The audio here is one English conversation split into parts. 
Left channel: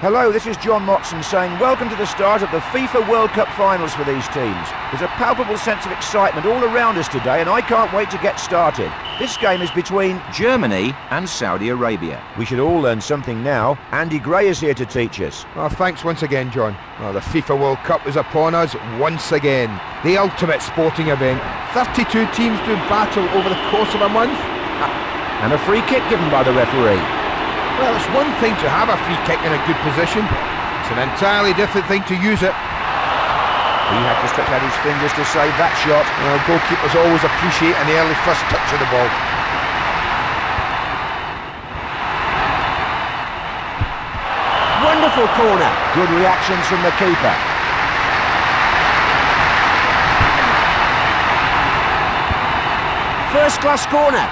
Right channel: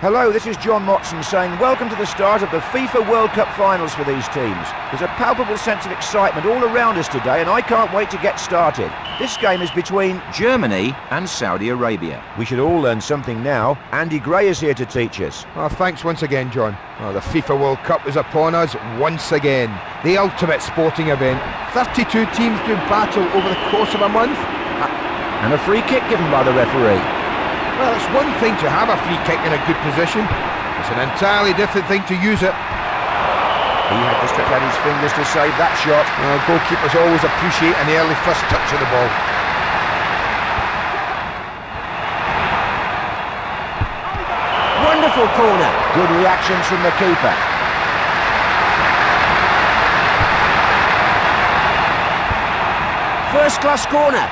Hello, this is John Motson saying welcome to the start of the FIFA World Cup finals for these teams. There's a palpable sense of excitement all around us today and I can't wait to get started. This game is between Germany and Saudi Arabia. We should all learn something now. Andy Gray is here to teach us. Oh, thanks once again, John. Well, the FIFA World Cup is upon us once again. The ultimate sporting event. 32 teams do battle over the course of a month. And a free kick given by the referee. Well, it's one thing to have a free kick in a good position. It's an entirely different thing to use it. He had to stretch out his fingers to save that shot. Well, goalkeepers always appreciate an early first touch of the ball. Wonderful corner. Good reactions from the keeper. First class corner.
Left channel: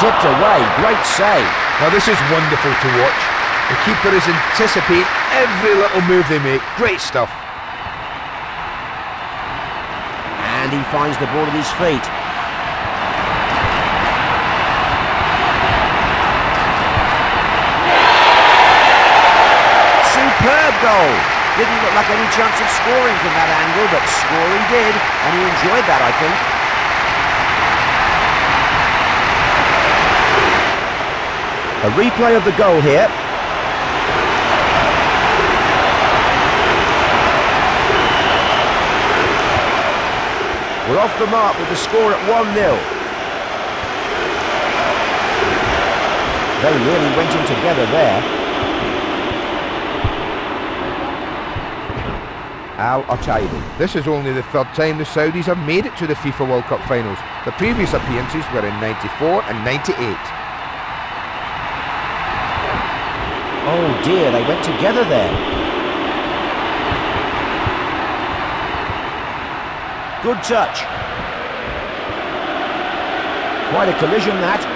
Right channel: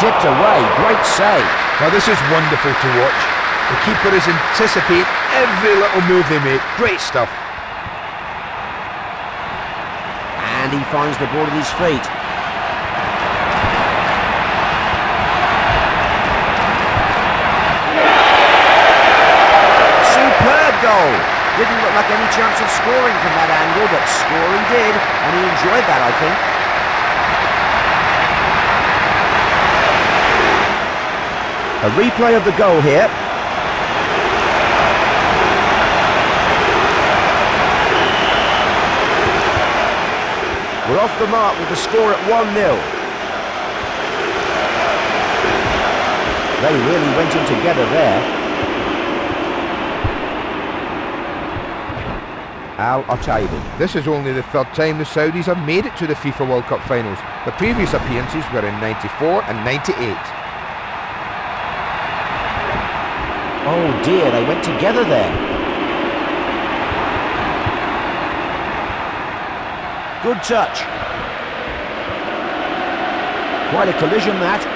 Tipped away, great save. Now this is wonderful to watch. The keeper is anticipating every little move they make. Great stuff. And he finds the ball at his feet. Superb goal. Didn't look like any chance of scoring from that angle, but score he did, and he enjoyed that, I think. A replay of the goal here. We're off the mark with the score at 1-0. They really went in together there. Al-Otaibi. This is only the third time the Saudis have made it to the FIFA World Cup finals. The previous appearances were in 94 and 98. Oh dear, they went together there. Good touch. Quite a collision that.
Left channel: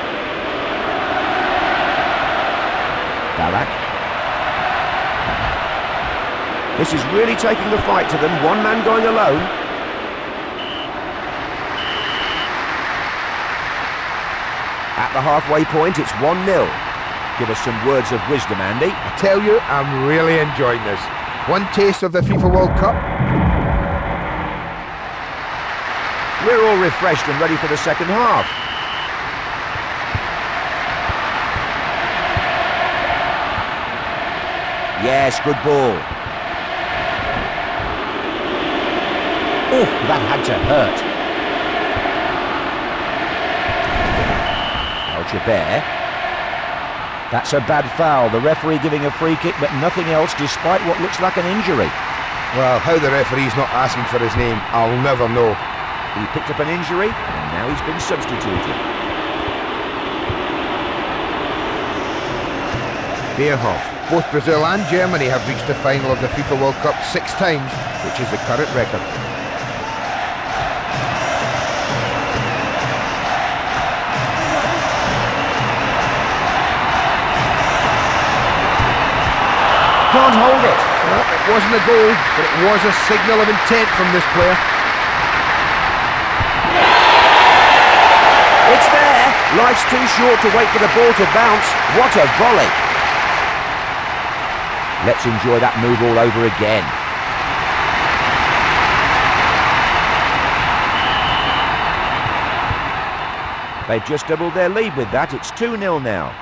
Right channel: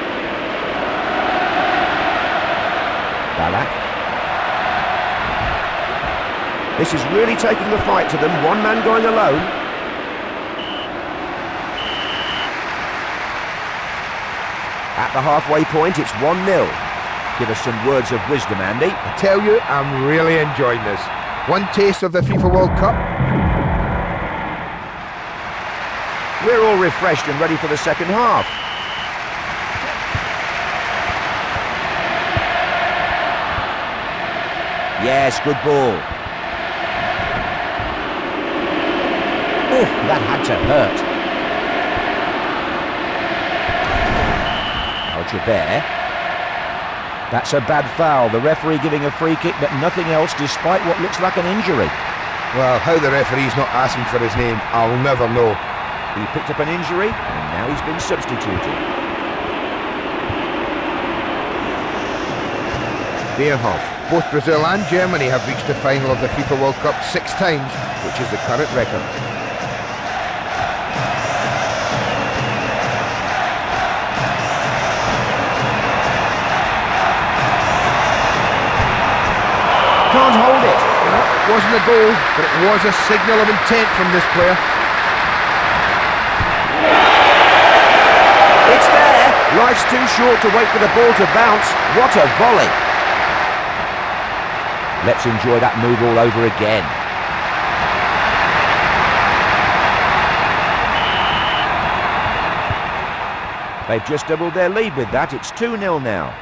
Ballack. This is really taking the fight to them, one man going alone. At the halfway point, it's 1-0. Give us some words of wisdom, Andy. I tell you, I'm really enjoying this. One taste of the FIFA World Cup. We're all refreshed and ready for the second half. Yes, good ball. Oh, that had to hurt. Al-Jaber. That's a bad foul. The referee giving a free kick, but nothing else despite what looks like an injury. Well, how the referee's not asking for his name, I'll never know. He picked up an injury, and now he's been substituted. Bierhoff. Both Brazil and Germany have reached the final of the FIFA World Cup 6 times, which is the current record. Can't hold it. Well, it wasn't a goal, but it was a signal of intent from this player. It's there. Life's too short to wait for the ball to bounce. What a volley. Let's enjoy that move all over again. They've just doubled their lead with that. It's 2-0 now.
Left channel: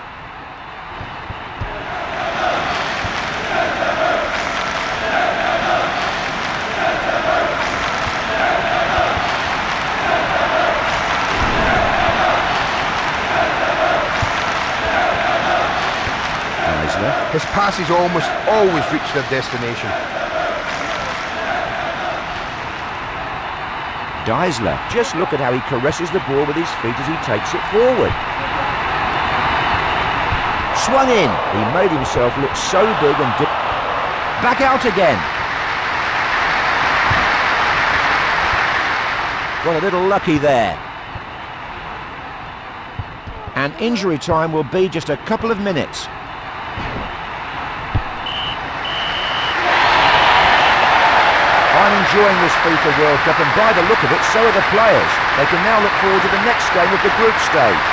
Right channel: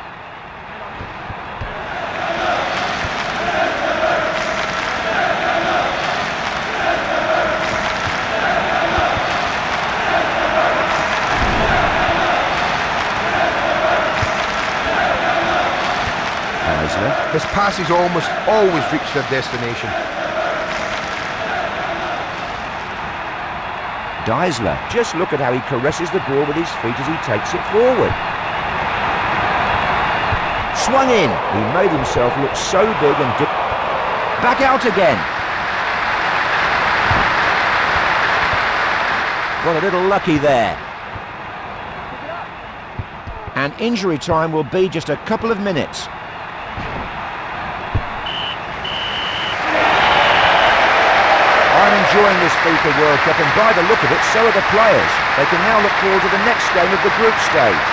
His passes almost always reach their destination. Deisler, just look at how he caresses the ball with his feet as he takes it forward. Swung in. He made himself look so big and back out again. Got a little lucky there. And injury time will be just a couple of minutes. I'm enjoying this FIFA World Cup, and by the look of it, so are the players. They can now look forward to the next game of the group stage.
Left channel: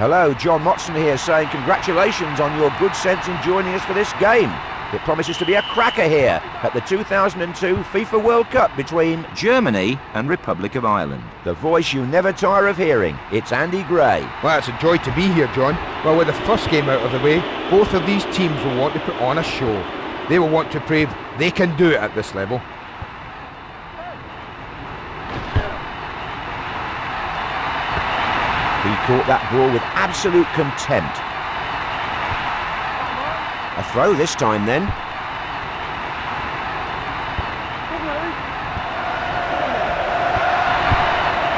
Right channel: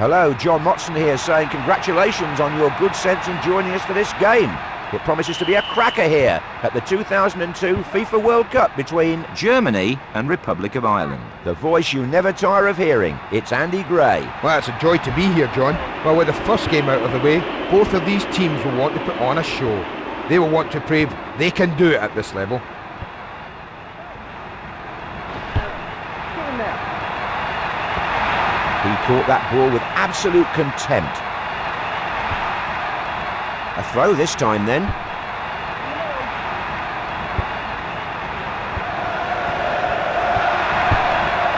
Hello, John Motson here saying congratulations on your good sense in joining us for this game. It promises to be a cracker here at the 2002 FIFA World Cup between Germany and Republic of Ireland. The voice you never tire of hearing, it's Andy Gray. Well, it's a joy to be here, John. Well, with the first game out of the way, both of these teams will want to put on a show. They will want to prove they can do it at this level. He caught that ball with absolute contempt. A throw this time then.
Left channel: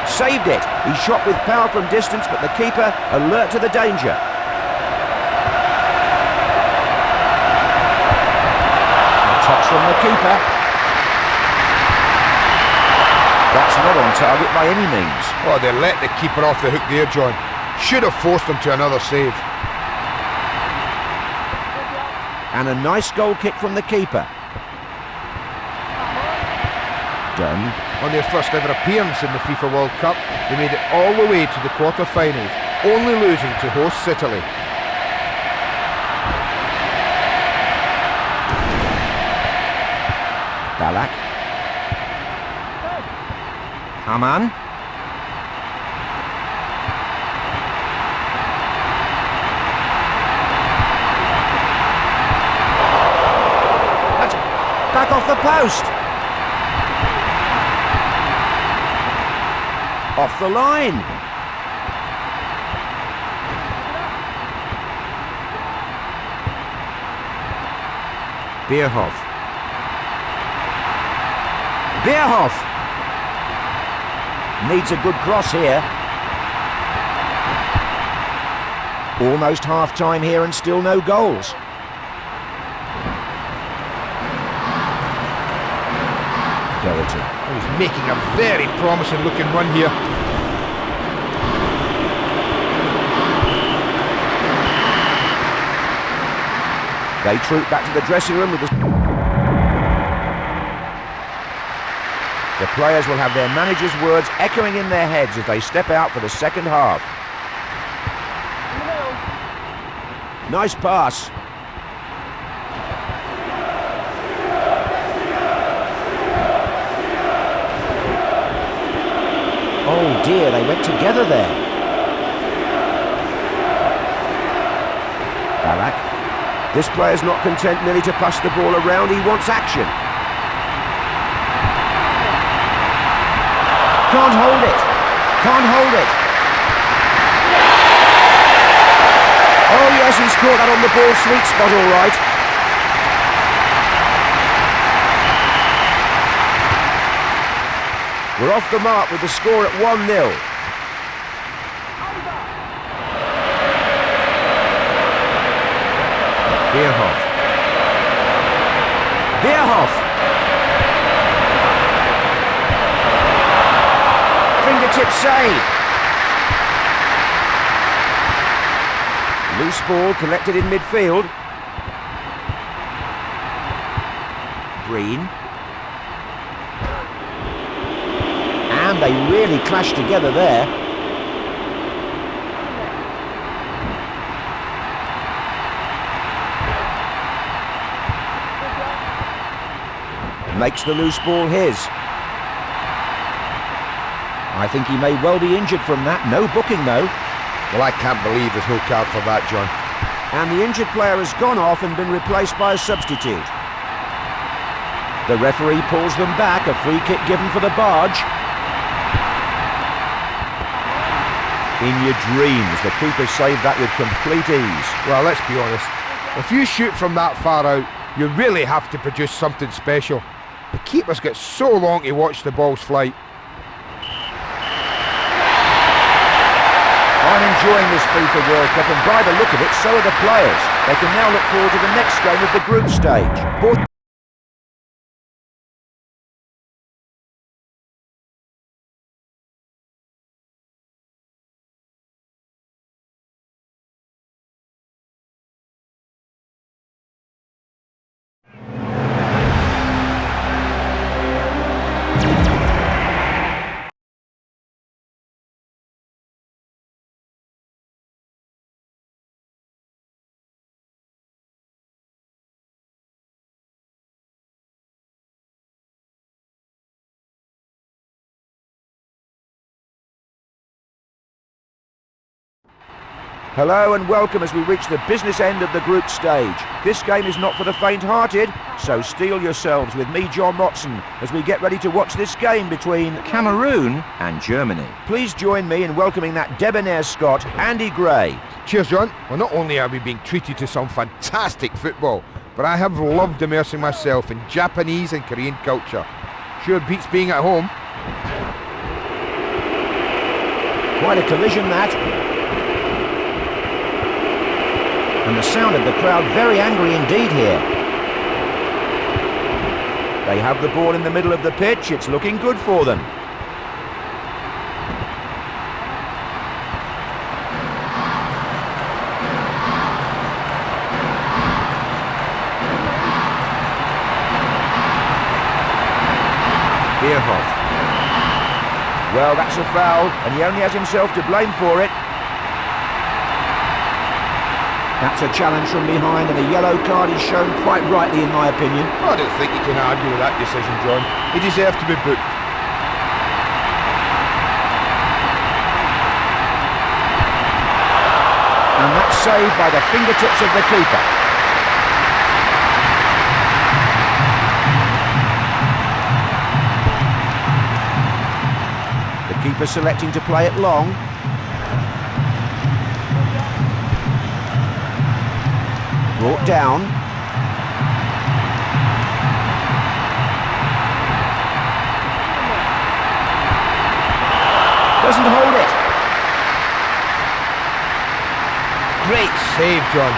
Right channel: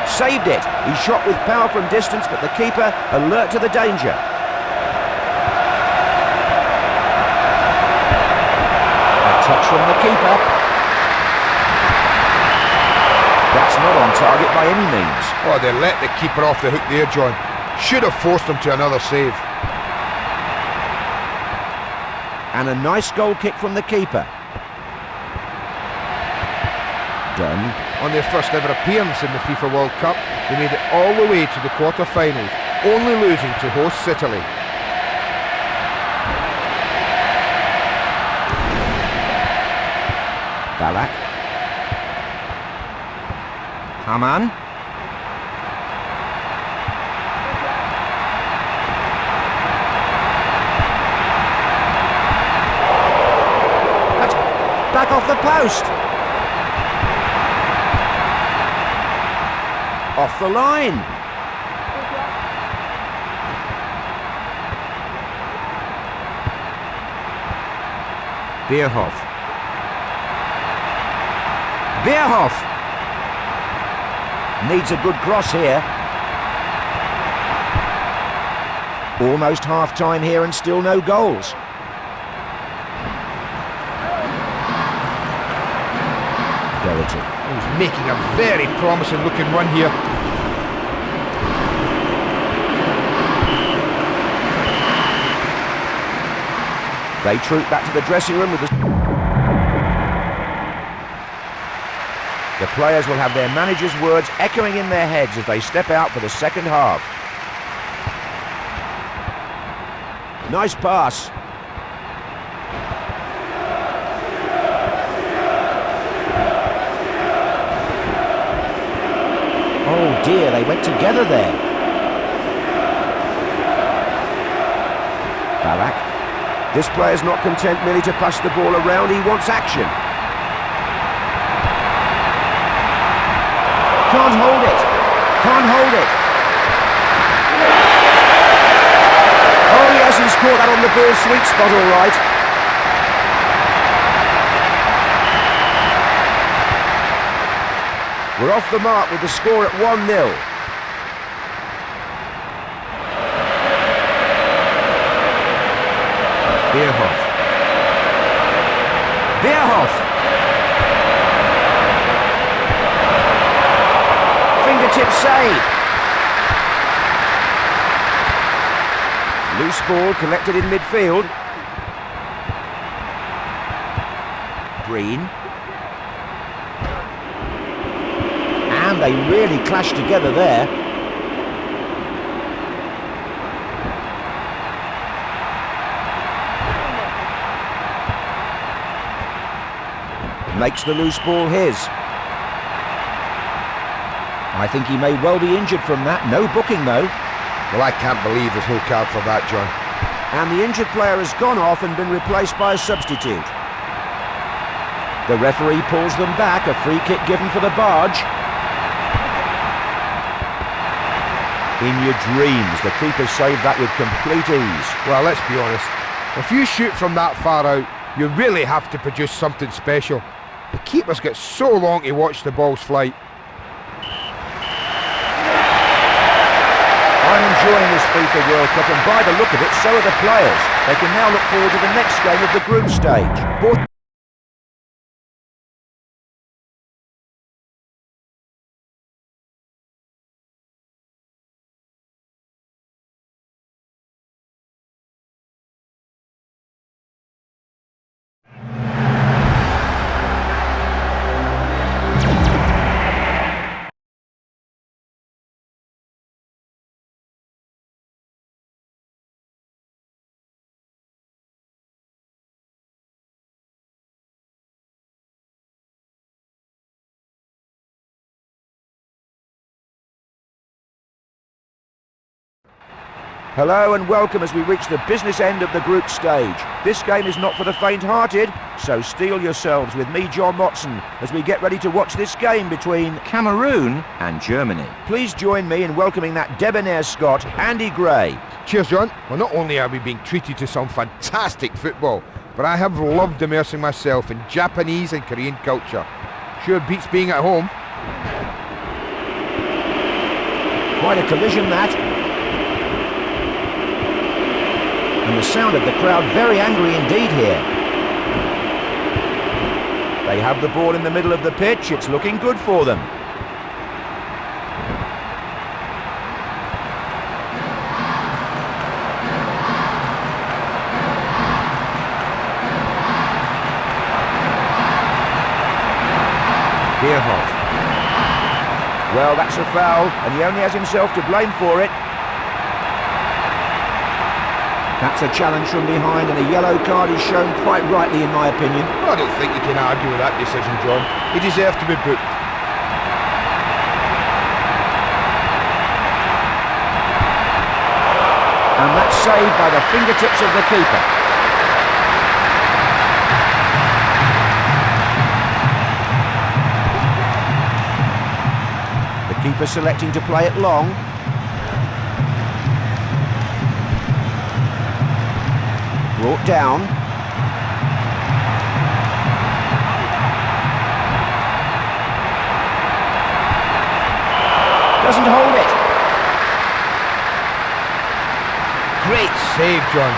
Saved it. He shot with power from distance, but the keeper alert to the danger. A touch from the keeper. That's not on target by any means. Oh, they let the keeper off the hook there, John. Should have forced him to another save. And a nice goal kick from the keeper. Done. On their first ever appearance in the FIFA World Cup, they made it all the way to the quarter-finals, only losing to hosts Italy. Balak. Haman. That's back off the post. Off the line. Bierhoff. Bierhoff needs a good cross here. Almost half-time here and still no goals. Doherty. Oh, he's making a very promising looking run here. They troop back to the dressing room with the players will have their manager's words echoing in their heads as they step out for the second half. Nice pass. Oh dear, they went together there. Balak. This player's not content merely to pass the ball around, he wants action. Can't hold it. Can't hold it. Oh yes, he's caught that on the ball sweet spot all right. We're off the mark with the score at 1-0. Bierhoff. Bierhoff. Fingertip save. Loose ball collected in midfield. Breen. And they really clashed together there. Makes the loose ball his. I think he may well be injured from that. No booking though. Well, I can't believe there's no card for that, John. And the injured player has gone off and been replaced by a substitute. The referee pulls them back. A free kick given for the barge. In your dreams, the keeper saved that with complete ease. Well, let's be honest. If you shoot from that far out, you really have to produce something special. The keepers get so long to watch the ball's flight. I'm enjoying this FIFA World Cup, and by the look of it, so are the players. They can now look forward to the next game of the group stage. Both Hello and welcome as we reach the business end of the group stage. This game is not for the faint-hearted, so steel yourselves with me, John Motson, as we get ready to watch this game between Cameroon and Germany. Please join me in welcoming that debonair Scot, Andy Gray. Cheers, John. Well, not only are we being treated to some fantastic football, but I have loved immersing myself in Japanese and Korean culture. Sure beats being at home. Quite a collision, that. And the sound of the crowd very angry indeed here. They have the ball in the middle of the pitch. It's looking good for them. Bierhoff. Well, that's a foul, and he only has himself to blame for it. That's a challenge from behind, and a yellow card is shown quite rightly, in my opinion. I don't think you can argue with that decision, John. He deserved to be booked. And that's saved by the fingertips of the keeper. The keeper selecting to play it long. Brought down. Doesn't hold it. Great save, John.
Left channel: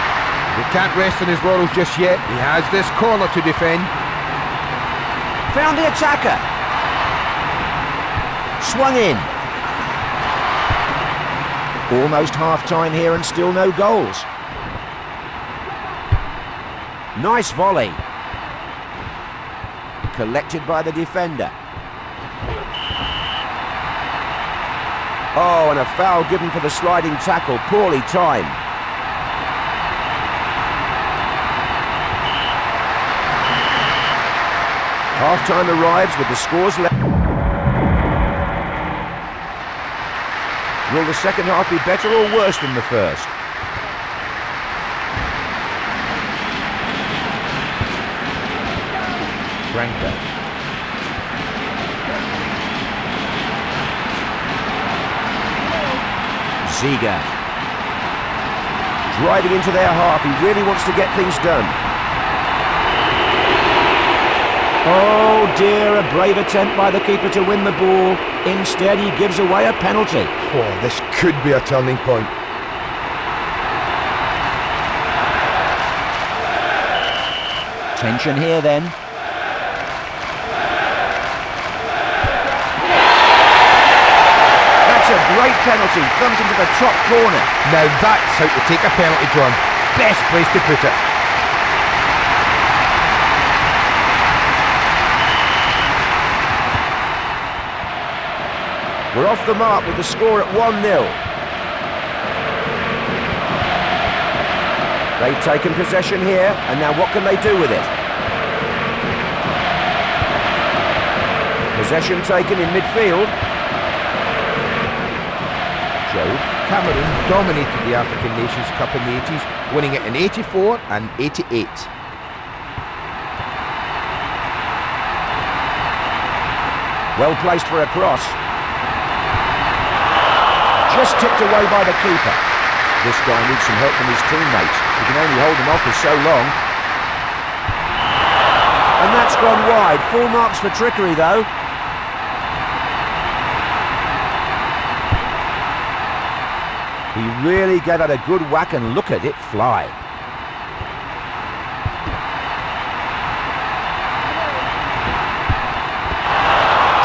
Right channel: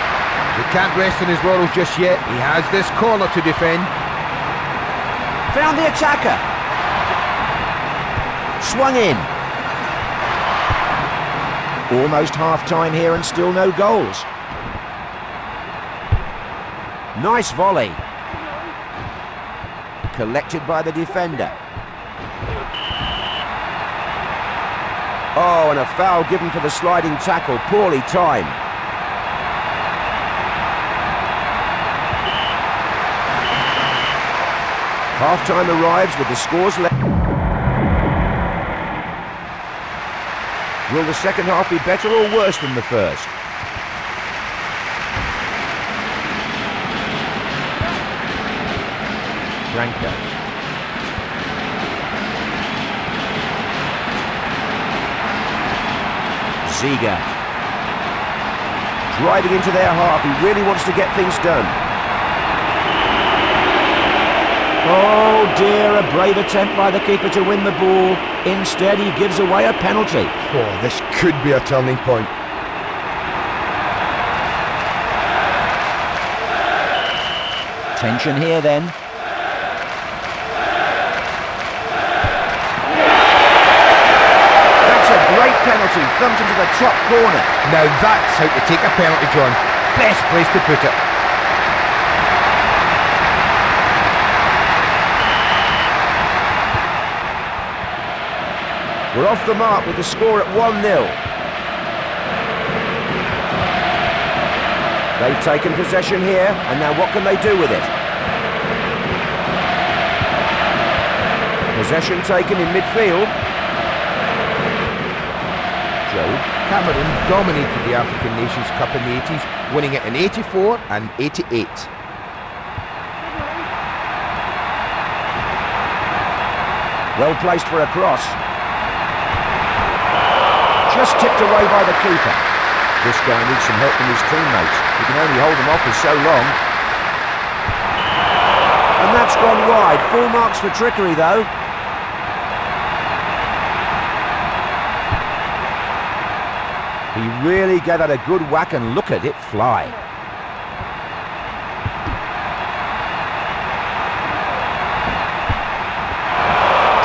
He can't rest on his laurels just yet. He has this corner to defend. Found the attacker. Swung in. Almost half-time here and still no goals. Nice volley. Collected by the defender. Oh, and a foul given for the sliding tackle. Poorly timed. Half-time arrives with the scores left. Will the second half be better or worse than the first? Branco. Ziga. Driving into their half. He really wants to get things done. Oh dear, a brave attempt by the keeper to win the ball. Instead, he gives away a penalty. Oh, this could be a turning point. Tension here then. That's a great penalty, thumped into the top corner. Now that's how to take a penalty, John. Best place to put it. We're off the mark with the score at 1-0. They've taken possession here, and now what can they do with it? Possession taken in midfield. Joe, Cameroon dominated the African Nations Cup in the 80s, winning it in 84 and 88. Well placed for a cross. Just tipped away by the keeper. This guy needs some help from his teammates. He can only hold them off for so long. And that's gone wide. Full marks for trickery, though. He really gave that a good whack, and look at it fly.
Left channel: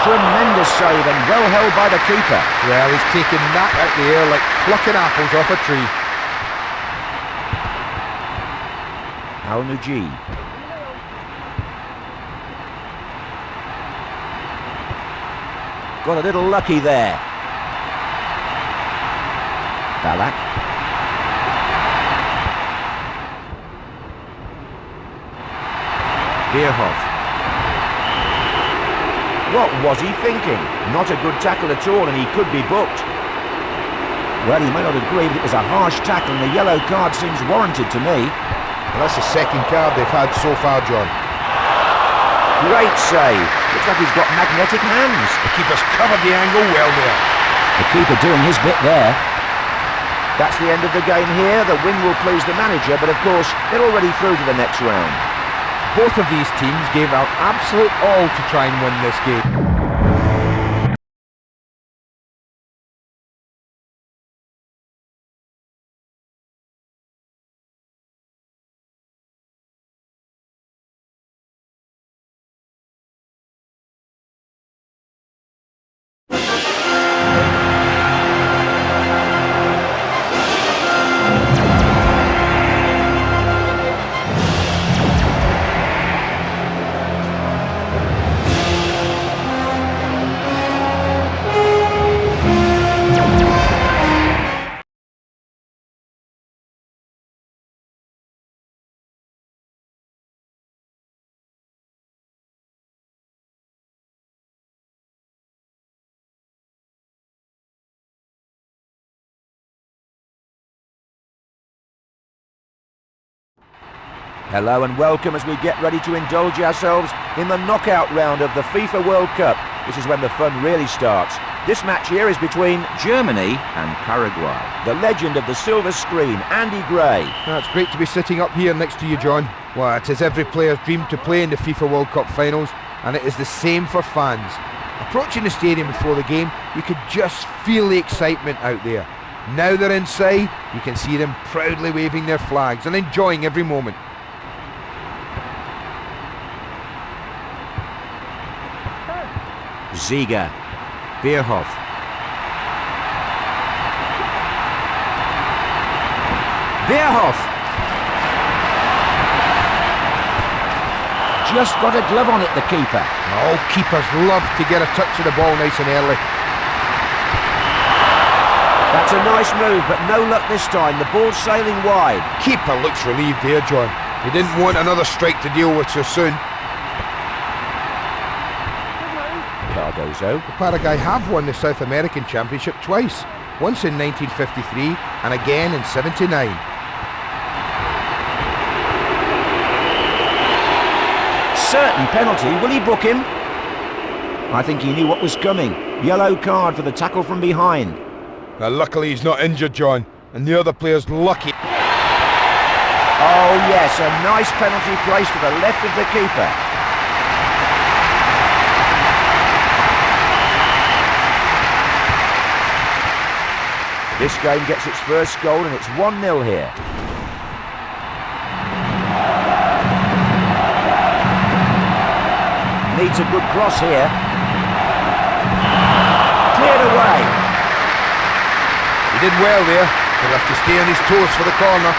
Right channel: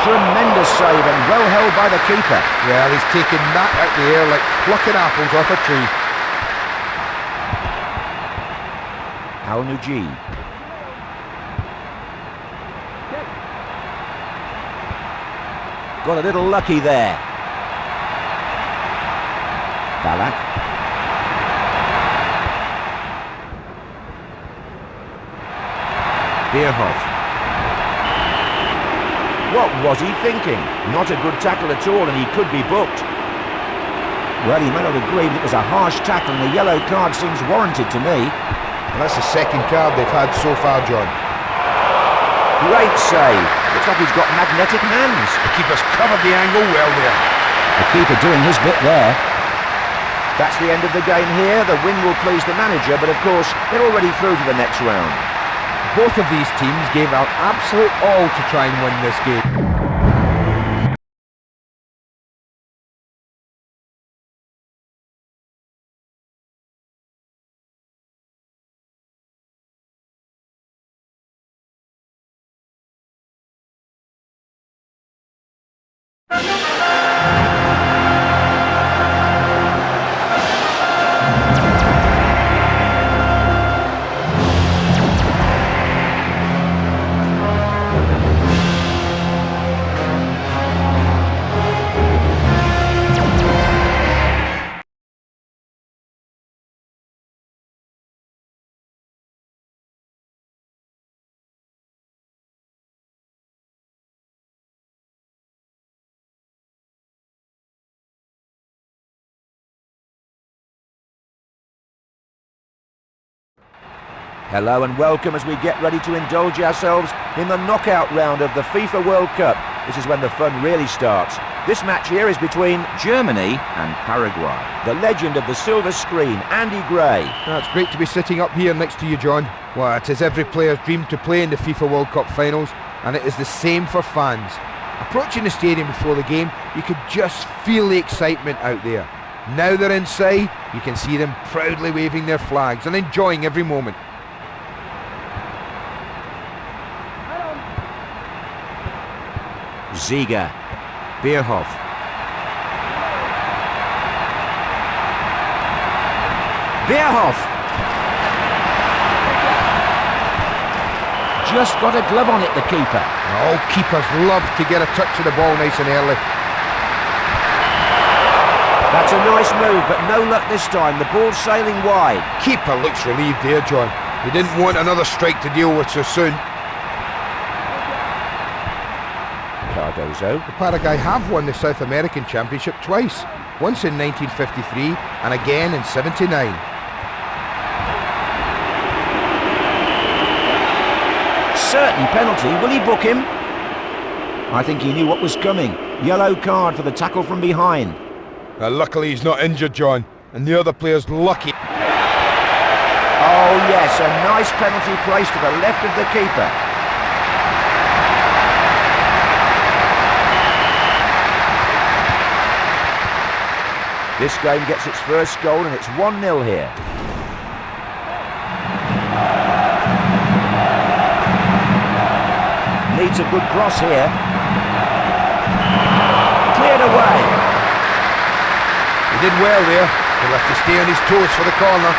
Tremendous save and well held by the keeper. Well, he's taken that out the air like plucking apples off a tree. Al-Nuji. Got a little lucky there. Balak. Bierhoff. What was he thinking? Not a good tackle at all, and he could be booked. Well, you may not agree, but it was a harsh tackle and a yellow card seems warranted to me. Well, that's the second card they've had so far, John. Great save. Looks like he's got magnetic hands. The keeper's covered the angle well there. The keeper doing his bit there. That's the end of the game here. The win will please the manager, but of course, they're already through to the next round. Both of these teams gave out absolute all to try and win this game. Hello and welcome as we get ready to indulge ourselves in the knockout round of the FIFA World Cup. This is when the fun really starts. This match here is between Germany and Paraguay. The legend of the silver screen, Andy Gray. Oh, it's great to be sitting up here next to you, John. Well, it is every player's dream to play in the FIFA World Cup finals, and it is the same for fans. Approaching the stadium before the game, you could just feel the excitement out there. Now they're inside, you can see them proudly waving their flags and enjoying every moment. Ziga, Bierhoff. Bierhoff! Just got a glove on it, the keeper. Oh, keepers love to get a touch of the ball nice and early. That's a nice move, but no luck this time. The ball's sailing wide. Keeper looks relieved there, John. He didn't want another strike to deal with so soon. Cardozo. The Paraguay have won the South American Championship twice, once in 1953 and again in '79. Certain penalty. Will he book him? I think he knew what was coming. Yellow card for the tackle from behind. Luckily he's not injured, John, and the other player's lucky. Oh yes, a nice penalty placed to the left of the keeper. This game gets its first goal and it's 1-0 here. Needs a good cross here. Cleared away. He did well there. He'll have to stay on his toes for the corner.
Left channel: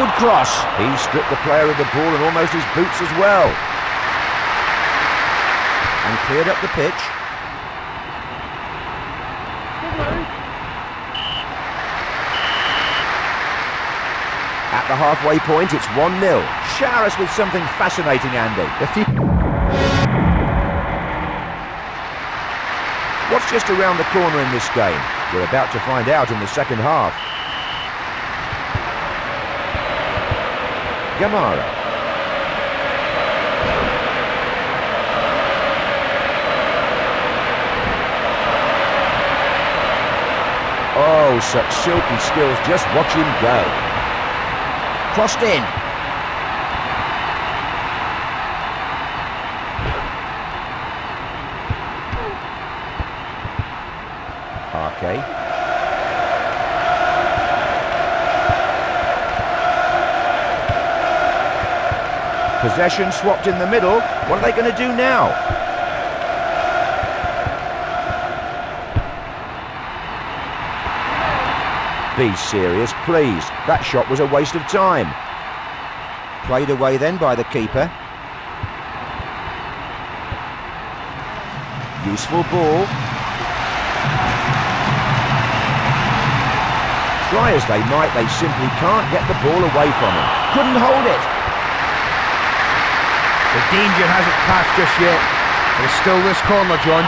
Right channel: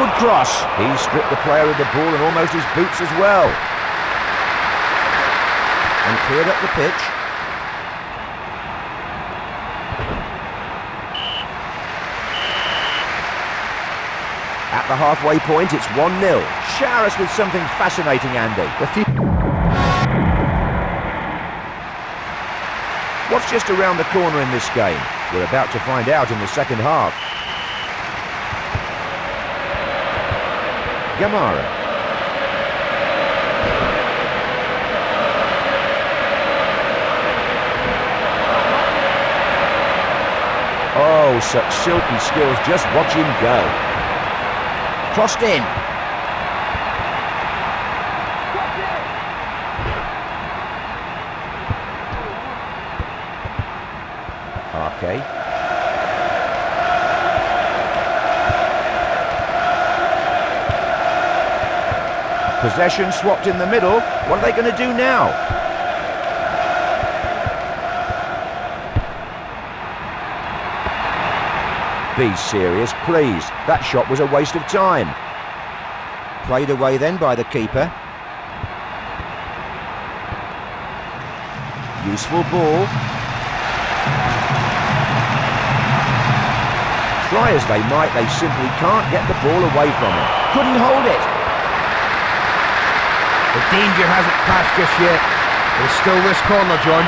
Good cross. He stripped the player of the ball and almost his boots as well. And cleared up the pitch. At the halfway point, it's 1-0. Shower us with something fascinating, Andy. What's just around the corner in this game? We're about to find out in the second half. Gamara. Oh, such silky skills. Just watch him go. Crossed in. Arke. Possession swapped in the middle. What are they going to do now? Be serious, please. That shot was a waste of time. Played away then by the keeper. Useful ball. Try as they might, they simply can't get the ball away from him. Couldn't hold it. The danger hasn't passed just yet. There's still this corner, John.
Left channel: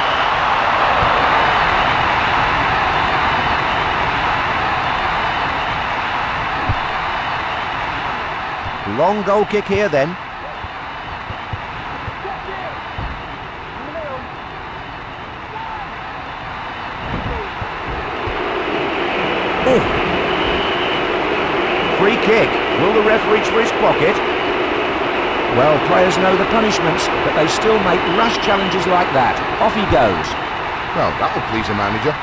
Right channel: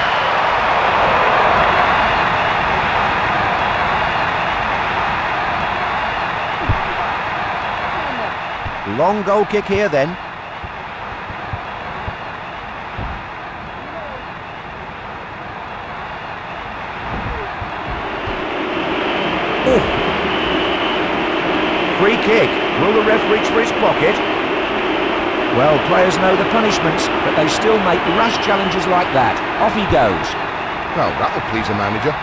Long goal kick here then. Oh. Free kick. Will the ref reach for his pocket? Well, players know the punishments, but they still make rash challenges like that. Off he goes. Well, that'll please the manager.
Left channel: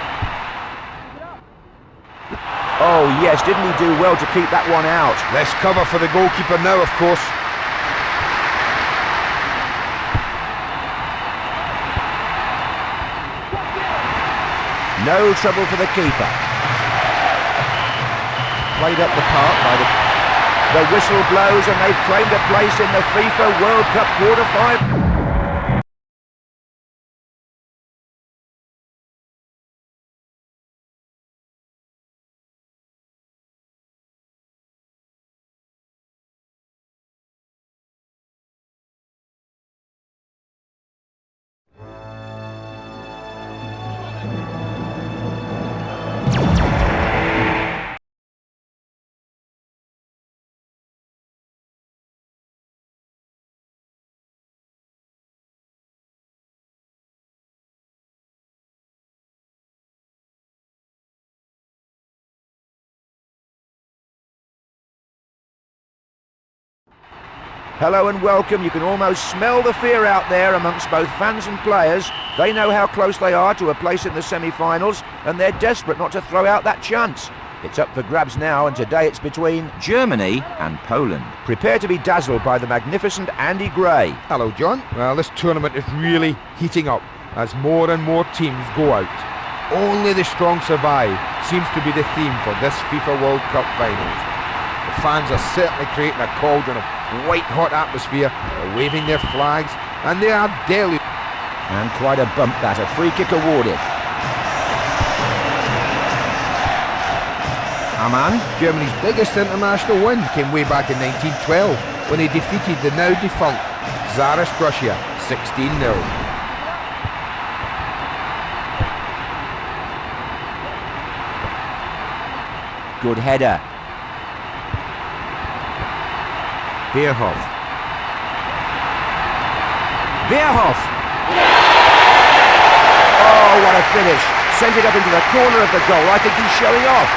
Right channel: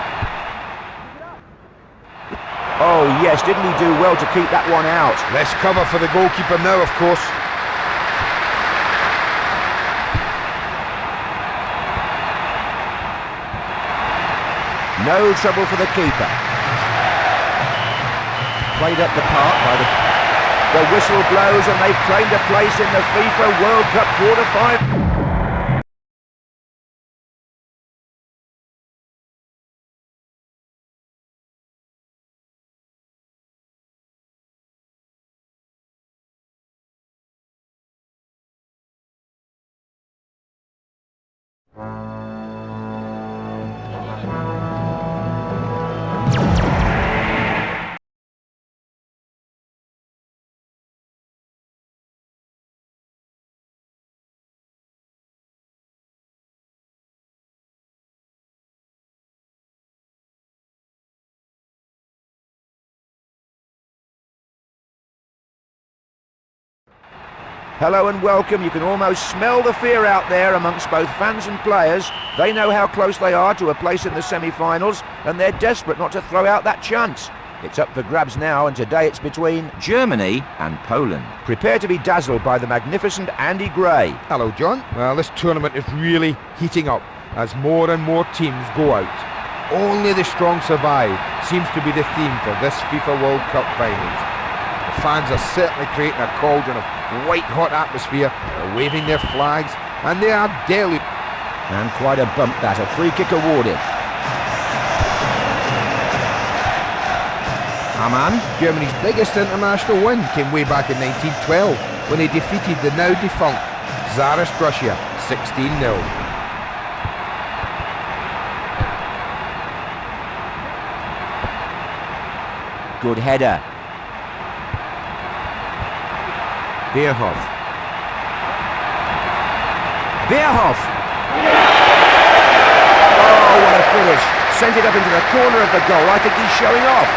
Oh yes, didn't he do well to keep that one out? Less cover for the goalkeeper now, of course. No trouble for the keeper. Played up the park by the whistle blows and they've claimed a place in the FIFA World Cup quarter-final. Hello and welcome. You can almost smell the fear out there amongst both fans and players. They know how close they are to a place in the semi-finals and they're desperate not to throw out that chance. It's up for grabs now and today it's between Germany and Poland. Prepare to be dazzled by the magnificent Andy Gray. Hello, John. Well, this tournament is really heating up as more and more teams go out. Only the strong survive seems to be the theme for this FIFA World Cup finals. The fans are certainly creating a cauldron of white-hot atmosphere. They're waving their flags, and they are deluged. And quite a bump that, a free kick awarded. Aman. Germany's biggest international win came way back in 1912, when they defeated the now-defunct Tsarist Russia 16-0. Good header. Bierhoff. Bierhoff! Oh, what a finish. Sent it up into the corner of the goal. I think he's showing off.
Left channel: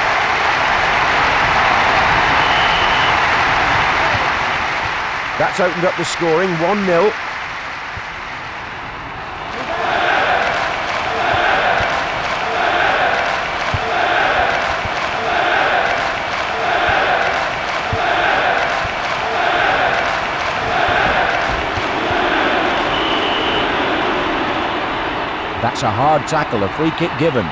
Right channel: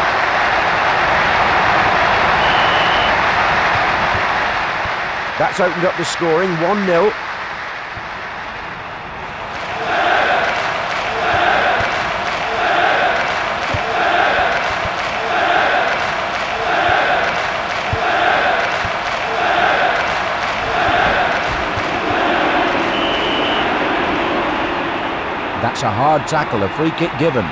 That's opened up the scoring, 1-0. That's a hard tackle, a free kick given.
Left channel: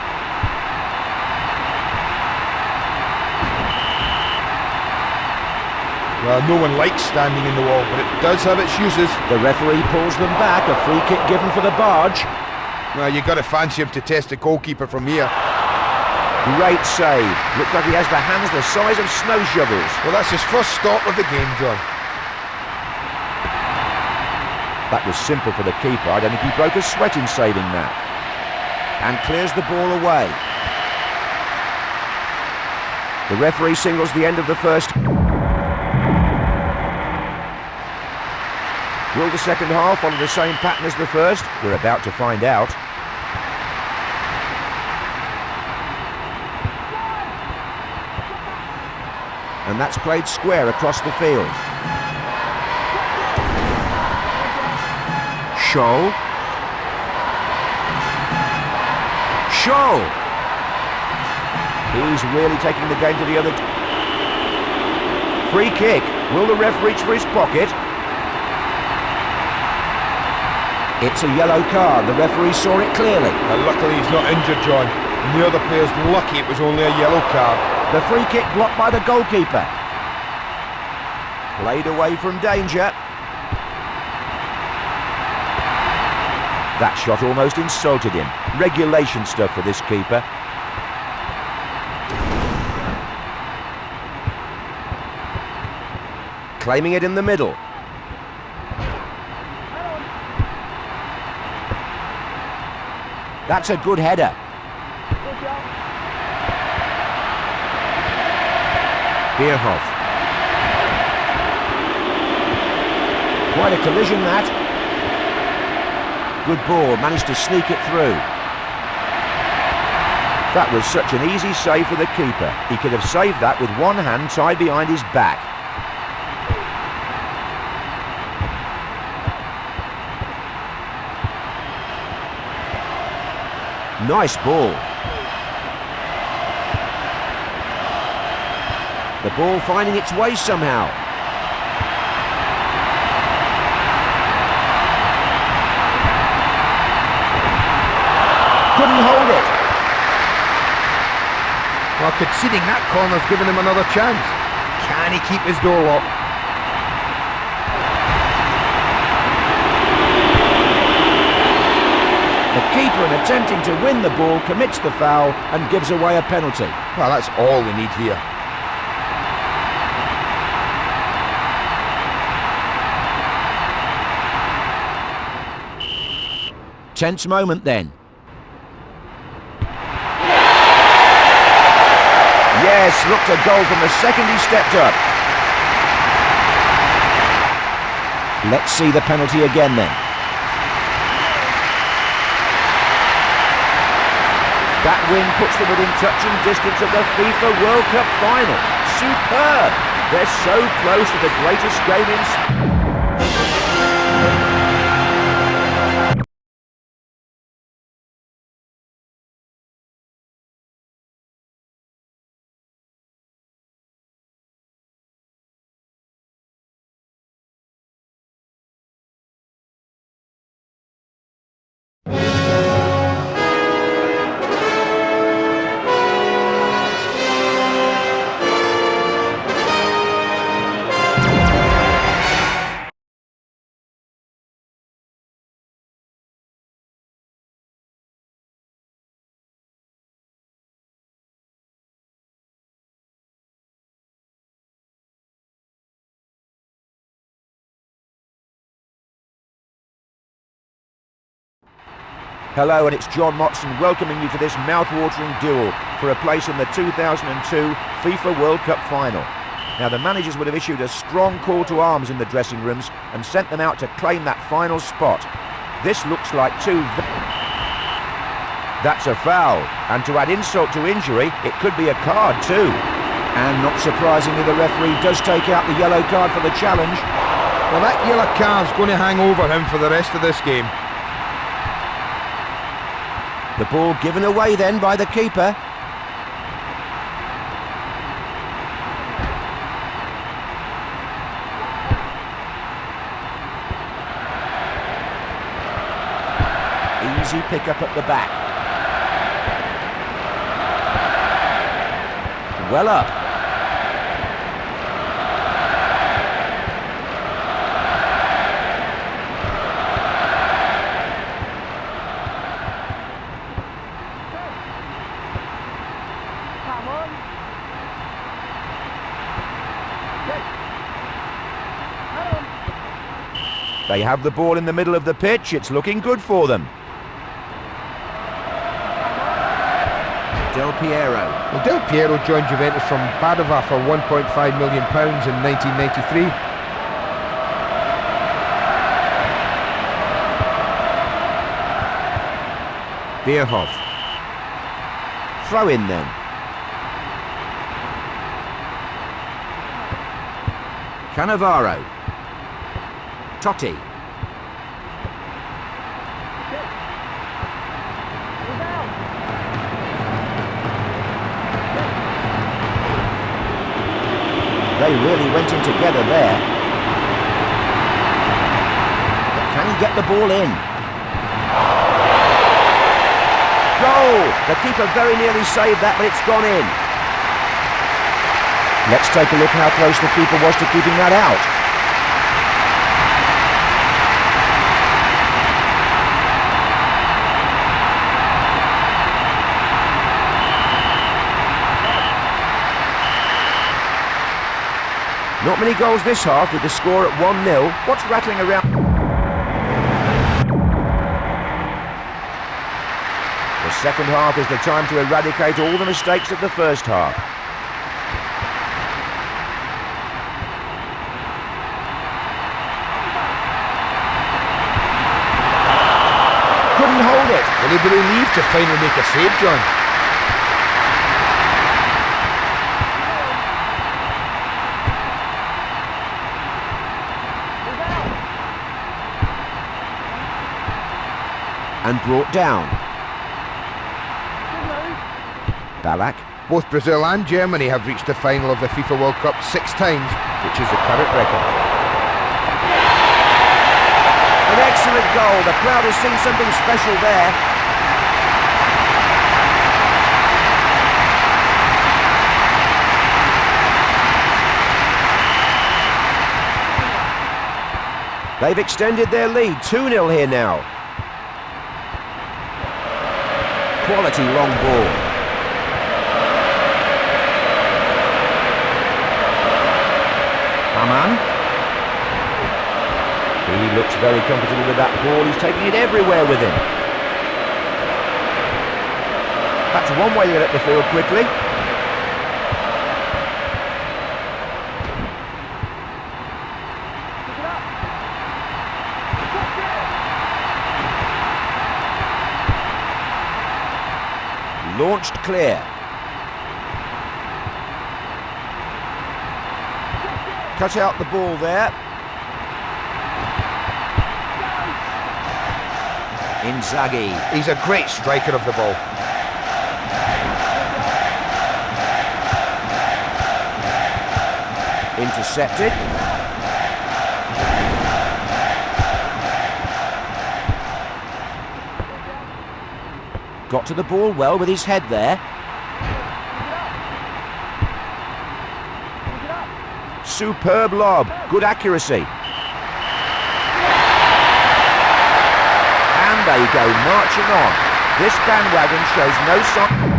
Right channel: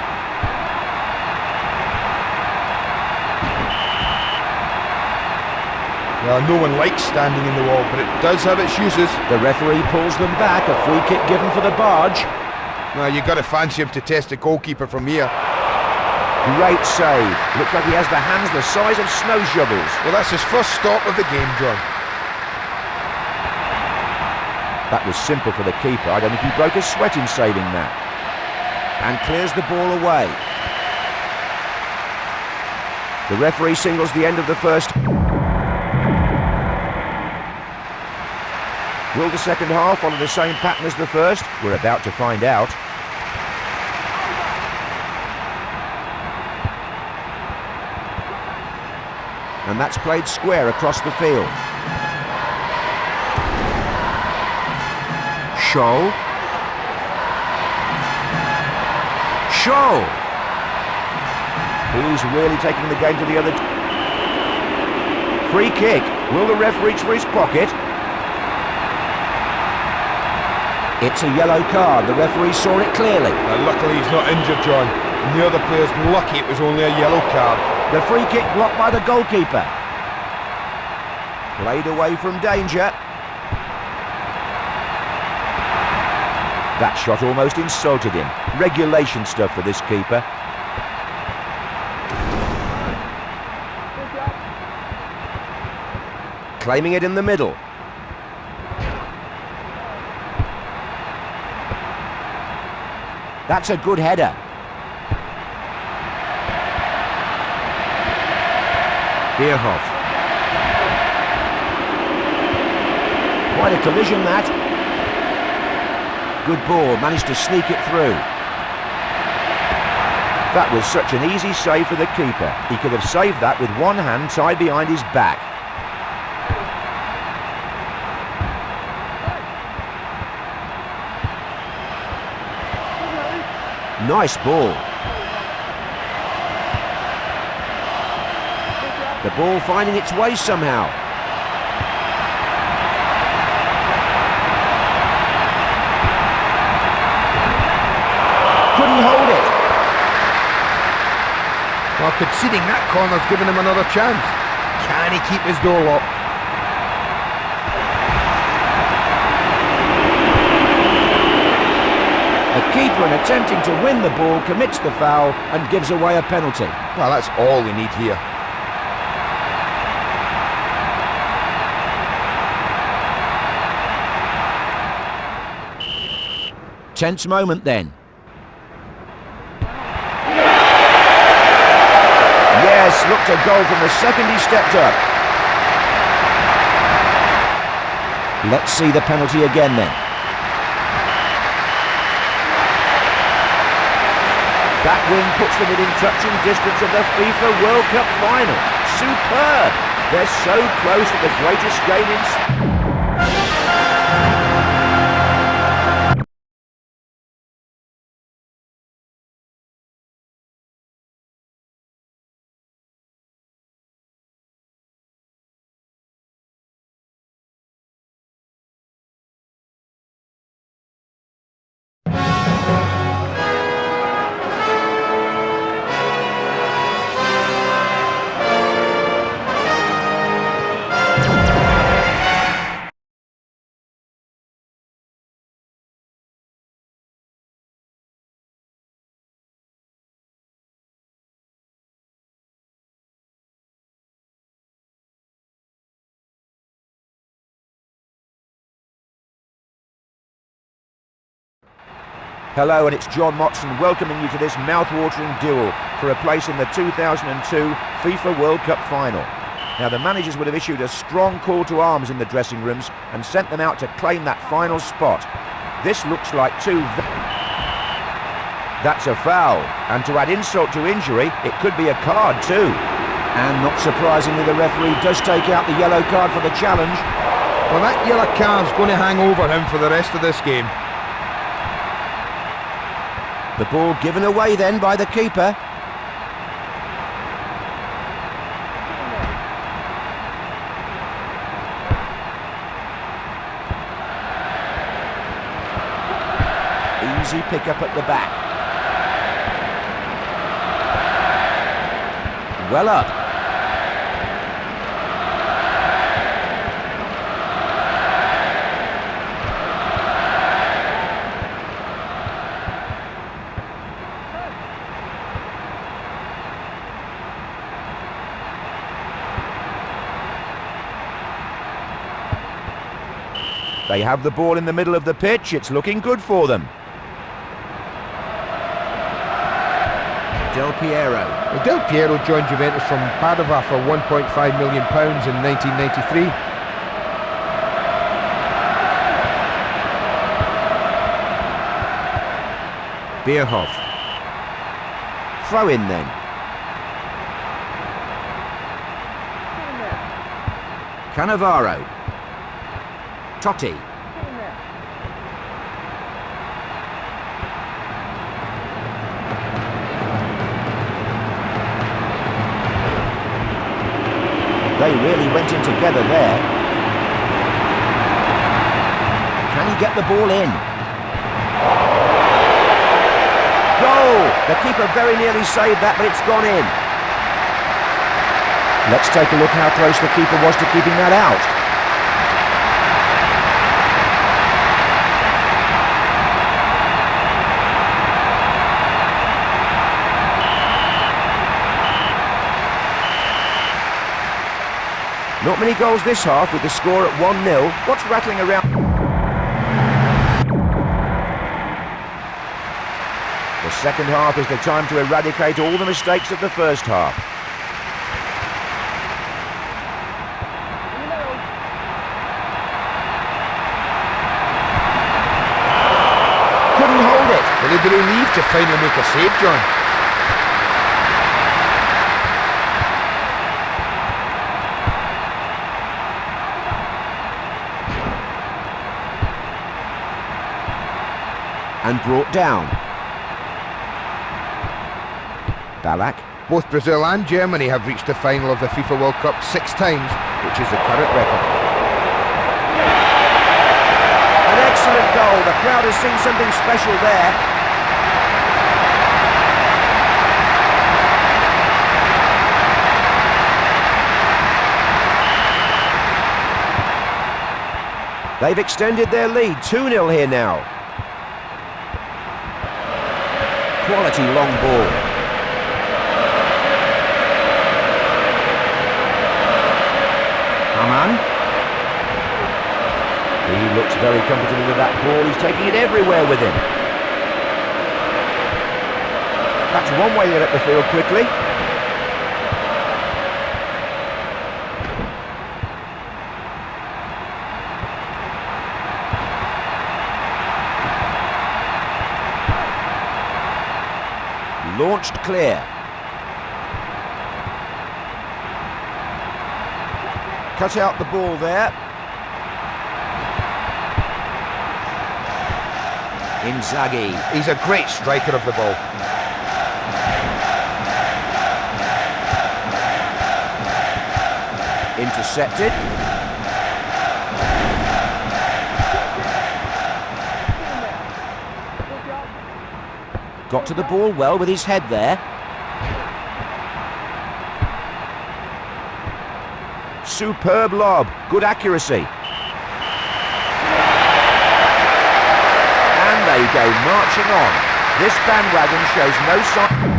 Well, no one likes standing in the wall, but it does have its uses. The referee pulls them back, a free kick given for the barge. Well, you've got to fancy him to test the goalkeeper from here. Great save. Looks like he has the hands the size of snow shovels. Well, that's his first stop of the game, John. That was simple for the keeper. I don't think he broke a sweat in saving that. And clears the ball away. The referee signals the end of the first. Will the second half follow the same pattern as the first? We're about to find out. And that's played square across the field. Scholl. Scholl! He's really taking the game to the other... Free kick. Will the ref reach for his pocket? It's a yellow card. The referee saw it clearly. Luckily he's not injured, John. And the other player's lucky it was only a yellow card. The free kick blocked by the goalkeeper. Played away from danger. That shot almost insulted him. Regulation stuff for this keeper. Claiming it in the middle. That's a good header. Bierhoff. Quite a collision, that. Good ball, managed to sneak it through. That was such an easy save for the keeper. He could have saved that with one hand tied behind his back. Nice ball. The ball finding its way somehow. Couldn't hold it. Well, conceding that corner's given him another chance. Can he keep his door locked? The keeper, in attempting to win the ball, commits the foul and gives away a penalty. Well, that's all we need here. Tense moment then. Yes, looked a goal from the second he stepped up. Let's see the penalty again then. That win puts them within touching distance of the FIFA World Cup final. Superb! They're so close to the greatest game in... Hello, and it's John Motson welcoming you to this mouth-watering duel for a place in the 2002 FIFA World Cup final. Now, the managers would have issued a strong call to arms in the dressing rooms and sent them out to claim that final spot. This looks like two... That's a foul, and to add insult to injury, it could be a card too. And not surprisingly, the referee does take out the yellow card for the challenge. Well, that yellow card's going to hang over him for the rest of this game. The ball given away then by the keeper. Easy pick up at the back. Well up. They have the ball in the middle of the pitch. It's looking good for them. Del Piero. Well, Del Piero joined Juventus from Padova for £1.5 million in 1993. Bierhoff. Throw in then. Cannavaro. Totti. They really went in together there. Can he get the ball in? Goal! The keeper very nearly saved that, but it's gone in. Let's take a look how close the keeper was to keeping that out. Not many goals this half with the score at 1-0. What's rattling around? second half is the time to eradicate all the mistakes of the first half. Couldn't hold it. Will he be relieved to finally make a save, John? And brought down. Ballack. Both Brazil and Germany have reached the final of the FIFA World Cup 6 times, which is the current record. An excellent goal. The crowd has seen something special there. They've extended their lead. 2-0 here now. Quality long ball. Aman. He looks very comfortable with that ball. He's taking it everywhere with him. That's one way to get up the field quickly. Launched clear. Cut out the ball there. Inzaghi. He's a great striker of the ball. Intercepted. Got to the ball well with his head there. Superb lob. Good accuracy. And they go marching on. This bandwagon shows no sign.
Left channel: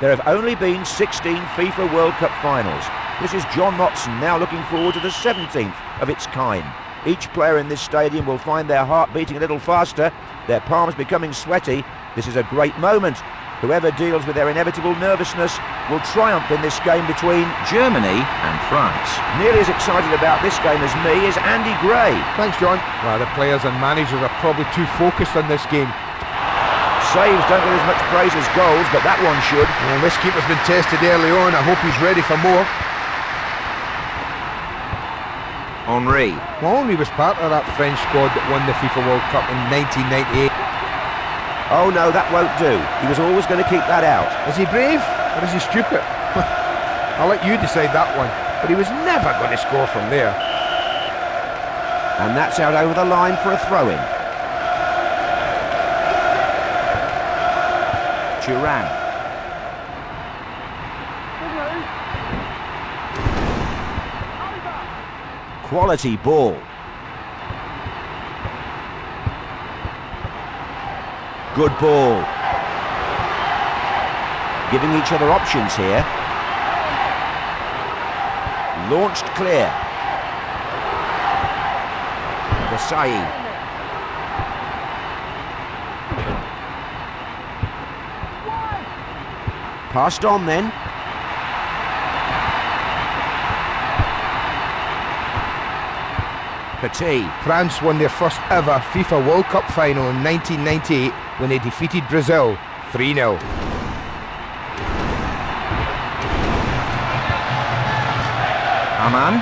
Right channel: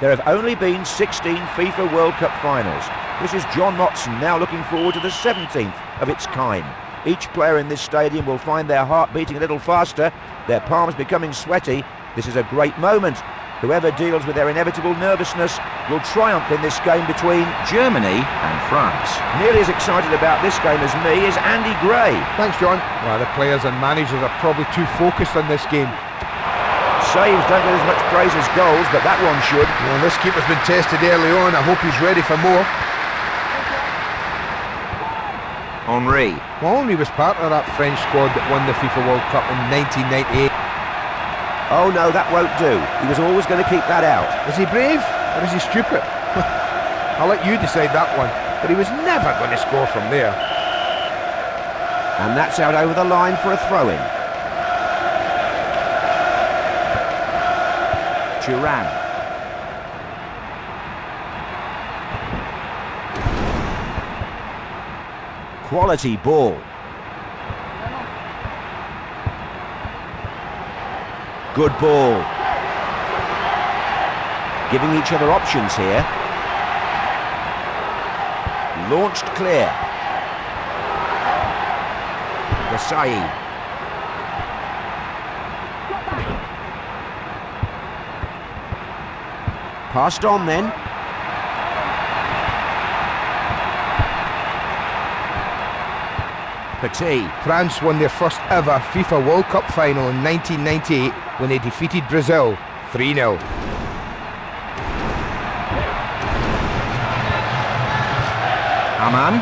There have only been 16 FIFA World Cup finals. This is John Motson now looking forward to the 17th of its kind. Each player in this stadium will find their heart beating a little faster, their palms becoming sweaty. This is a great moment. Whoever deals with their inevitable nervousness will triumph in this game between Germany and France. Nearly as excited about this game as me is Andy Gray. Thanks, John. Well, the players and managers are probably too focused on this game. Saves don't get as much praise as goals, but that one should. Well, this keeper's been tested early on. I hope he's ready for more. Henry. Well, Henry was part of that French squad that won the FIFA World Cup in 1998. Oh no, that won't do. He was always going to keep that out. Is he brave or is he stupid? I'll let you decide that one. But he was never going to score from there. And that's out over the line for a throw-in. Duran. Quality ball. Good ball. Giving each other options here. Launched clear. Desai. Passed on then. Petit. France won their first ever FIFA World Cup final in 1998 when they defeated Brazil 3-0. Aman.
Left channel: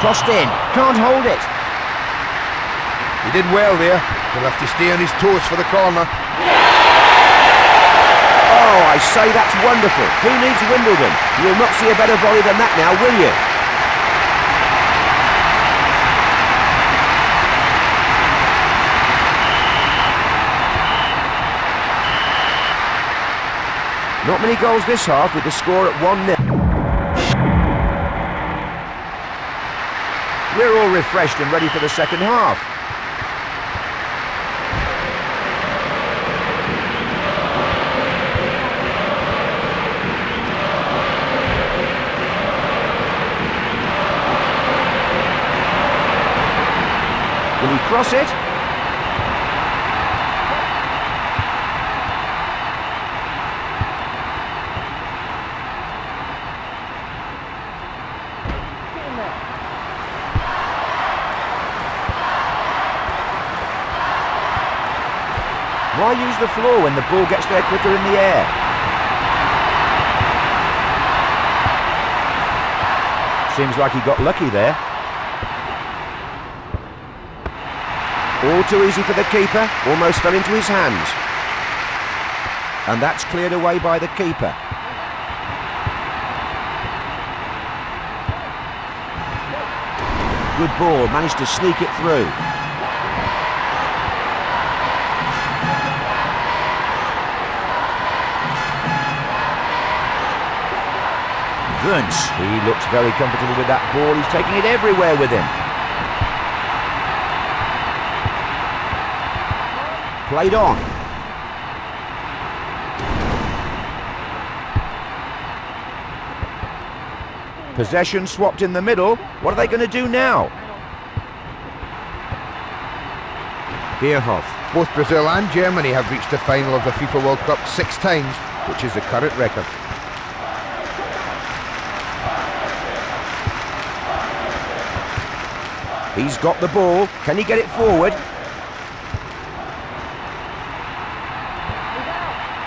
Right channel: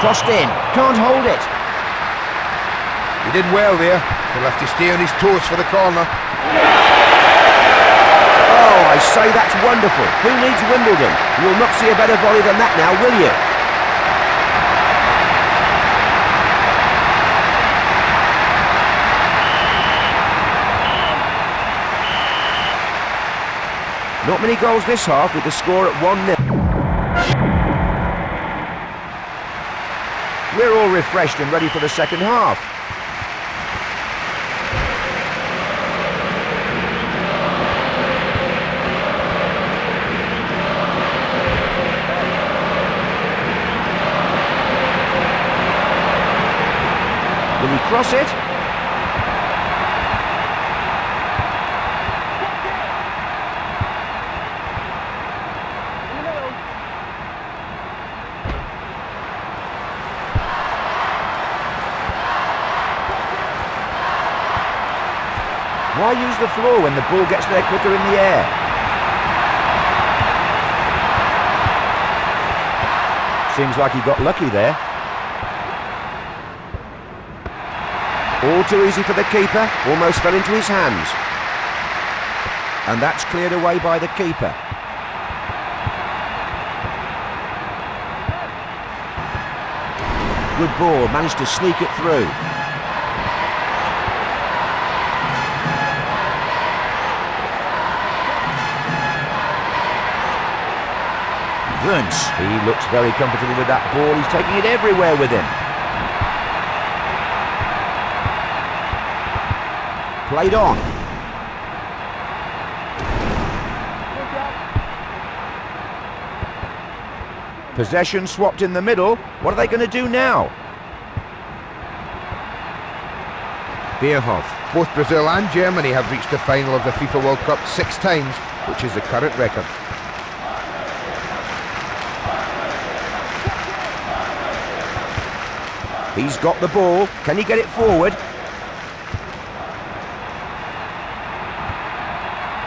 Crossed in. Can't hold it. He did well there. He'll have to stay on his toes for the corner. Oh, I say that's wonderful. Who needs Wimbledon? You'll not see a better volley than that now, will you? Not many goals this half, with the score at 1-0. We're all refreshed and ready for the second half. Will he cross it? Why use the floor when the ball gets there quicker in the air? Seems like he got lucky there. All too easy for the keeper, almost fell into his hands. And that's cleared away by the keeper. Good ball, managed to sneak it through. Wunsch, he looks very comfortable with that ball, he's taking it everywhere with him. Played on. Possession swapped in the middle. What are they going to do now? Bierhoff. Both Brazil and Germany have reached the final of the FIFA World Cup 6 times, which is the current record. He's got the ball. Can he get it forward?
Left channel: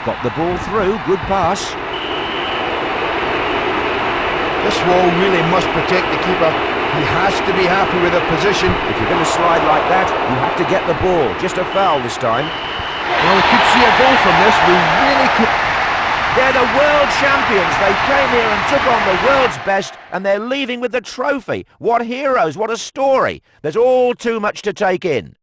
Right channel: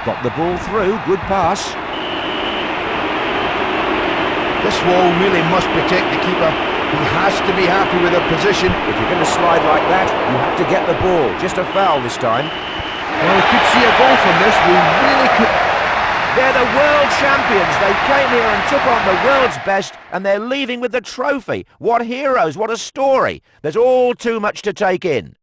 Got the ball through. Good pass. This wall really must protect the keeper. He has to be happy with their position. If you're going to slide like that, you have to get the ball. Just a foul this time. Well, we could see a goal from this. We really could. They're the world champions. They came here and took on the world's best, and they're leaving with the trophy. What heroes, what a story. There's all too much to take in.